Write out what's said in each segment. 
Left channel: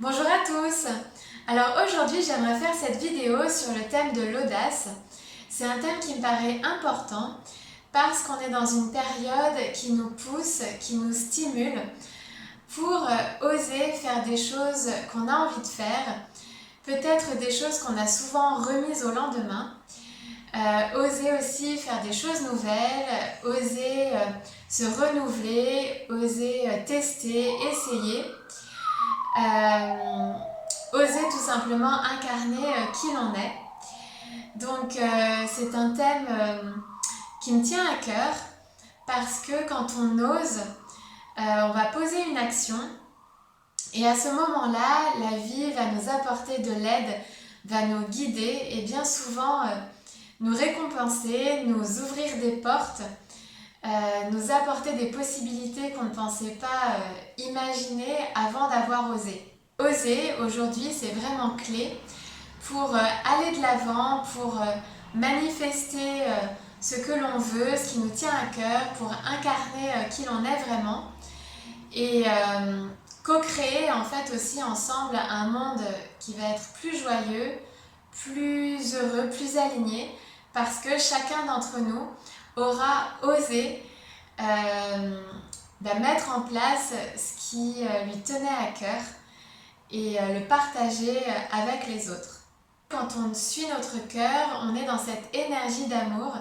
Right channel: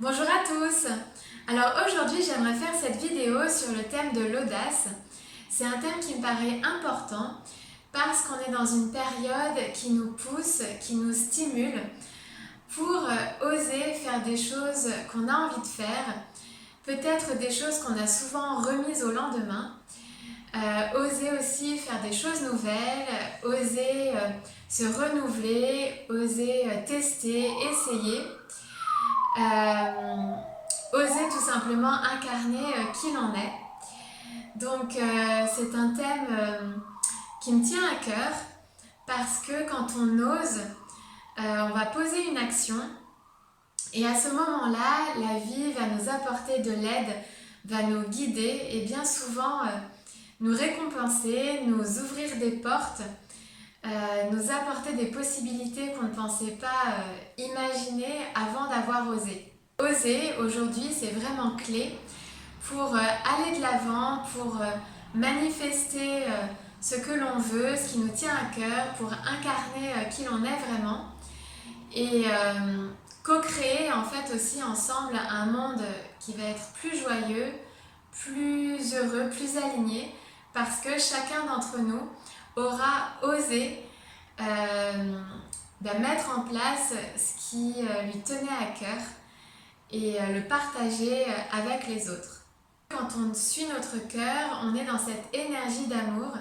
Bonjour à tous. Alors aujourd'hui j'aimerais faire cette vidéo sur le thème de l'audace. C'est un thème qui me paraît important parce qu'on est dans une période qui nous pousse, qui nous stimule pour oser faire des choses qu'on a envie de faire, peut-être des choses qu'on a souvent remises au lendemain, oser aussi faire des choses nouvelles, oser se renouveler, oser tester, essayer. Oser tout simplement incarner qui l'on est. Donc c'est un thème qui me tient à cœur parce que quand on ose, on va poser une action et à ce moment-là, la vie va nous apporter de l'aide, va nous guider et bien souvent nous récompenser, nous ouvrir des portes, nous apporter des possibilités qu'on ne pensait pas imaginer avant d'avoir osé. Oser, aujourd'hui, c'est vraiment clé pour aller de l'avant, pour manifester ce que l'on veut, ce qui nous tient à cœur, pour incarner qui l'on est vraiment et co-créer en fait aussi ensemble un monde qui va être plus joyeux, plus heureux, plus aligné parce que chacun d'entre nous aura osé mettre en place ce qui lui tenait à cœur et le partager avec les autres. Quand on suit notre cœur, on est dans cette énergie d'amour.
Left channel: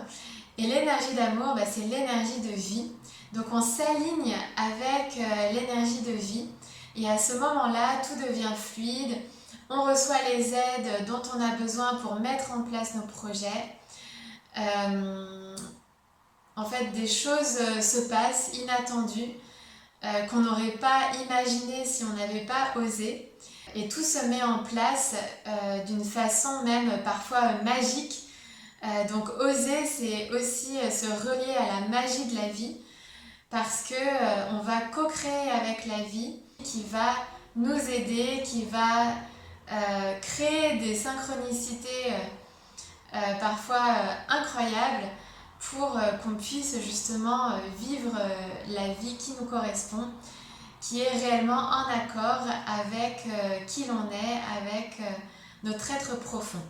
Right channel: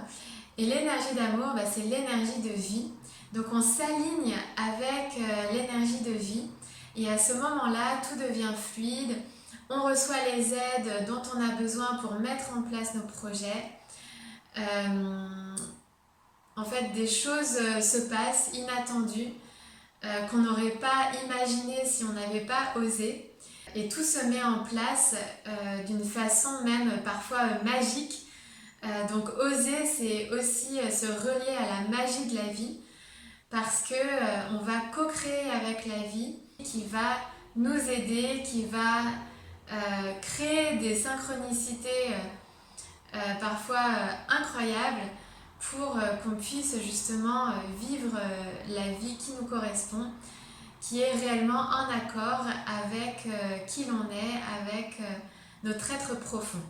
Et l'énergie d'amour, c'est l'énergie de vie. Donc on s'aligne avec l'énergie de vie. Et à ce moment-là, tout devient fluide. On reçoit les aides dont on a besoin pour mettre en place nos projets. En fait, des choses se passent inattendues qu'on n'aurait pas imaginé si on n'avait pas osé. Et tout se met en place d'une façon même parfois magique. Donc oser, c'est aussi se relier à la magie de la vie parce que on va co-créer avec la vie qui va nous aider, qui va créer des synchronicités parfois incroyables pour qu'on puisse justement vivre la vie qui nous correspond, qui est réellement en accord avec qui l'on est, avec notre être profond.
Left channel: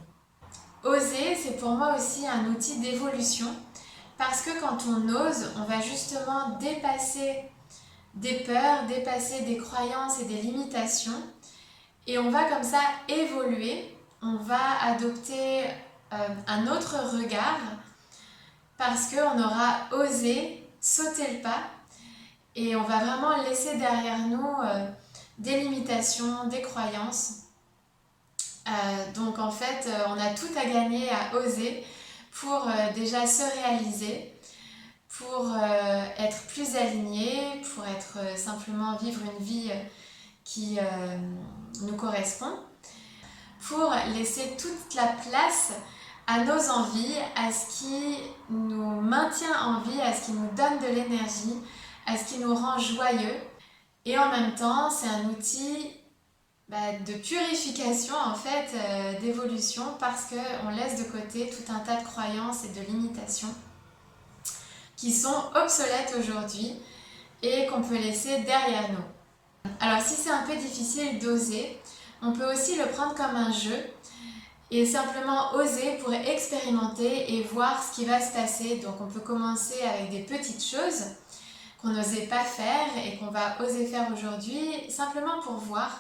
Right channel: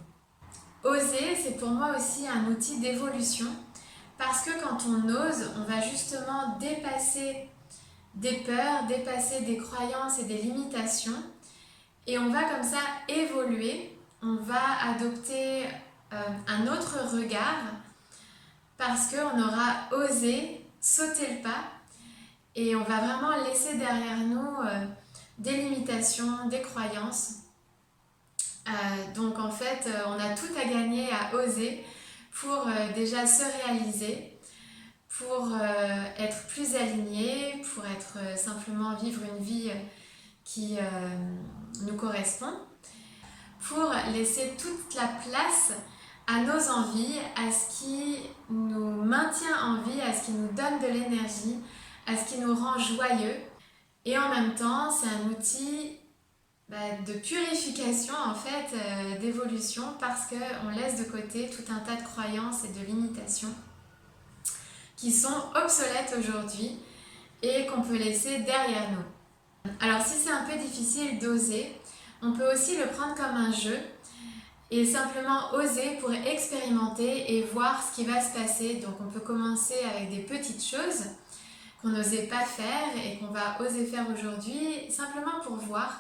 Oser, c'est pour moi aussi un outil d'évolution parce que quand on ose, on va justement dépasser des peurs, dépasser des croyances et des limitations et on va comme ça évoluer, on va adopter un autre regard parce qu'on aura osé sauter le pas et on va vraiment laisser derrière nous des limitations, des croyances. Donc en fait, on a tout à gagner à oser pour déjà se réaliser, pour être plus aligné, pour être simplement vivre une vie qui nous correspond, pour laisser toute la place à nos envies, à ce qui nous maintient en vie, à ce qui nous donne de l'énergie, à ce qui nous rend joyeux. Et en même temps, c'est un outil de purification en fait, d'évolution parce qu'on laisse de côté tout un tas de croyances et de limitations qui sont obsolètes aujourd'hui et qu'on peut laisser derrière nous. Alors si c'est un peu difficile d'oser, on peut aussi le prendre comme un jeu et simplement oser pour expérimenter et voir ce qui va se passer. Donc on peut commencer avec des petites choses qu'on n'osait pas faire et qu'on va oser faire aujourd'hui simplement pour voir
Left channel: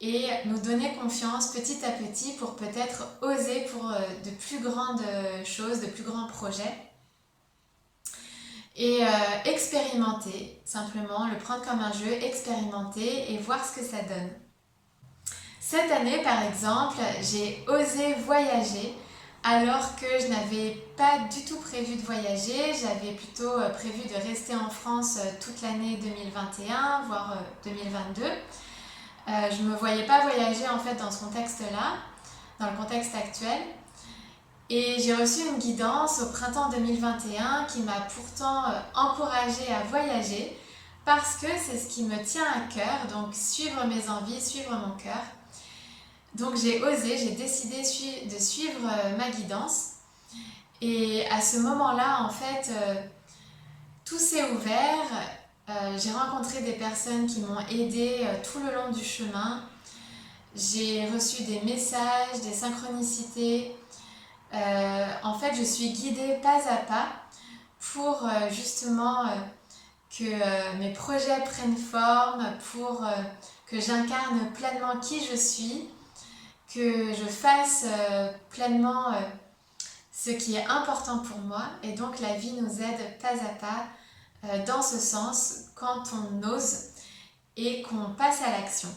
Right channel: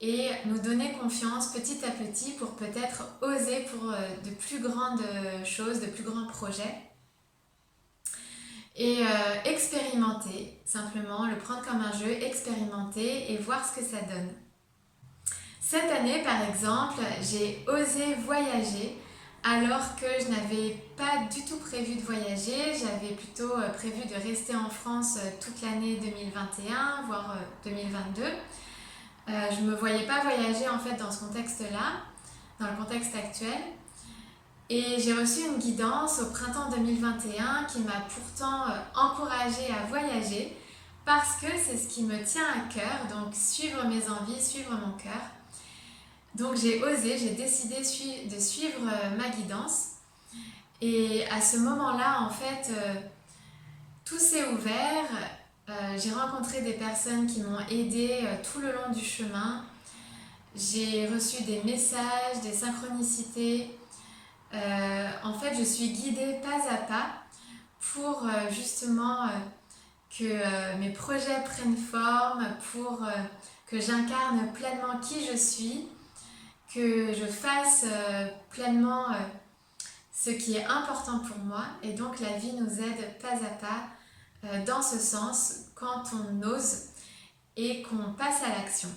et nous donner confiance petit à petit pour peut-être oser pour de plus grandes choses, de plus grands projets. Et expérimenter, simplement, le prendre comme un jeu, expérimenter et voir ce que ça donne. Cette année, par exemple, j'ai osé voyager alors que je n'avais pas du tout prévu de voyager. J'avais plutôt prévu de rester en France toute l'année 2021, voire 2022. Je ne me voyais pas voyager en fait dans ce contexte-là, dans le contexte actuel. Et j'ai reçu une guidance au printemps 2021 qui m'a pourtant encouragée à voyager parce que c'est ce qui me tient à cœur, donc suivre mes envies, suivre mon cœur. Donc j'ai osé, j'ai décidé de suivre ma guidance. Et à ce moment-là, en fait, tout s'est ouvert. J'ai rencontré des personnes qui m'ont aidée tout le long du chemin. j'ai reçu des messages, des synchronicités. En fait, je suis guidée pas à pas pour justement que mes projets prennent forme, pour que j'incarne pleinement qui je suis, que je fasse pleinement ce qui est important pour moi. Et donc la vie nous aide pas à pas dans ce sens quand on ose et qu'on passe à l'action.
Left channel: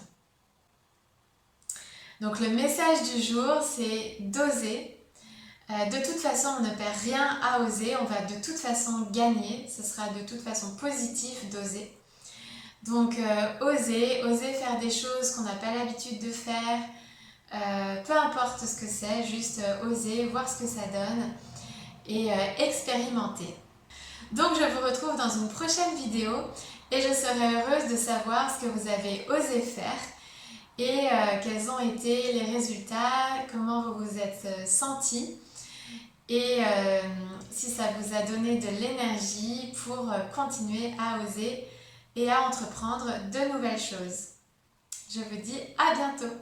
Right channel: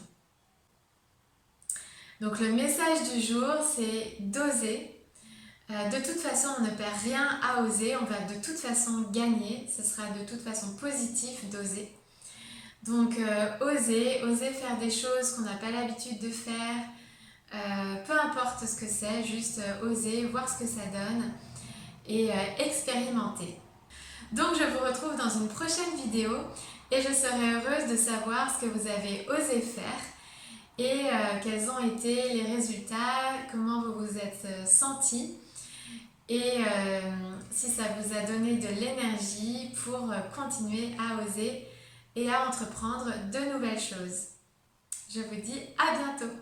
Donc le message du jour, c'est d'oser. De toute façon, on ne perd rien à oser, on va de toute façon gagner, ce sera de toute façon positif d'oser. Donc oser faire des choses qu'on n'a pas l'habitude de faire, peu importe ce que c'est, juste oser, voir ce que ça donne et expérimenter. Donc je vous retrouve dans une prochaine vidéo et je serai heureuse de savoir ce que vous avez osé faire et quels ont été les résultats, comment vous vous êtes sentis et si ça vous a donné de l'énergie pour continuer à oser et à entreprendre de nouvelles choses. Je vous dis à bientôt!